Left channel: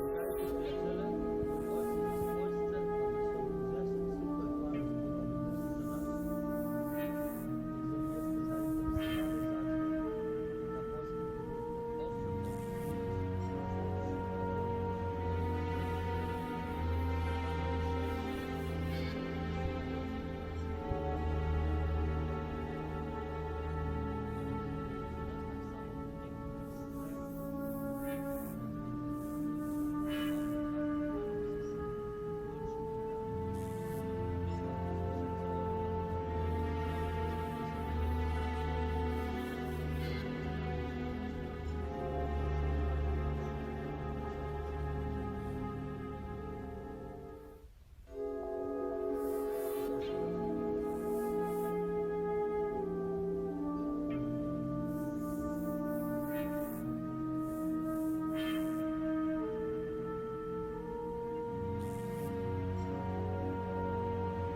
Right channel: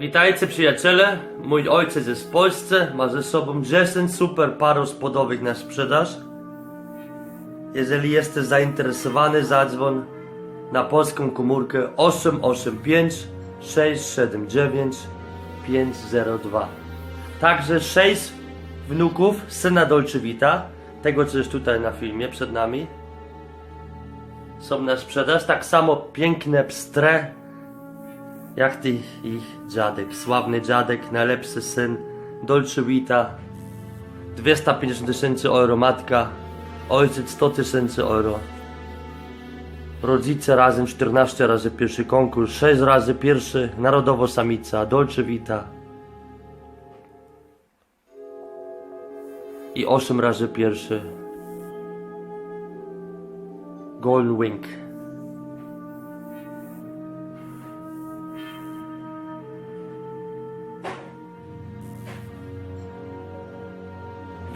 Witajcie przyjaciele, mój ojciec jest w Polsce, ma ze sobą 10 super par rozpodowych na sprzedaż. Jeżeli jesteś zainteresowany, zadzwoń na polską komórkę 885 679 502. Także 6 wnuków syna Dolce Vita, tego co jest tutaj na filmie przed nami. Są na sprzedaż, tak samo piękne pstre jak ty ich dziadek, sławny dziadek, najlepszy syn, Dolce Vita, 250 tysięcy euro matka, ojciec 100 tysięcy euro. Rodzice razem 14 razy pierwszy konkurs, 6 razy pierwszy, narodowo samica, Dolce Vita. I 8 razy pierwszy. Golden Wing.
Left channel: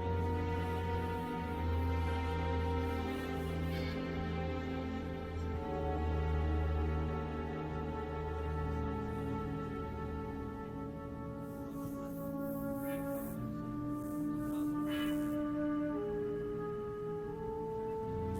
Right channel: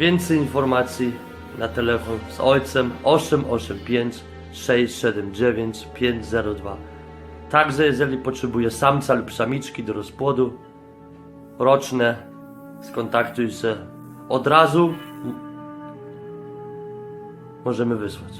Więcej informacji na telefon z ojcem 885 679 502. Także jeżeli potrzebuje samca lub samiczki do rozpłodu roczne, skontaktuj się od razu. Możemy wysłać.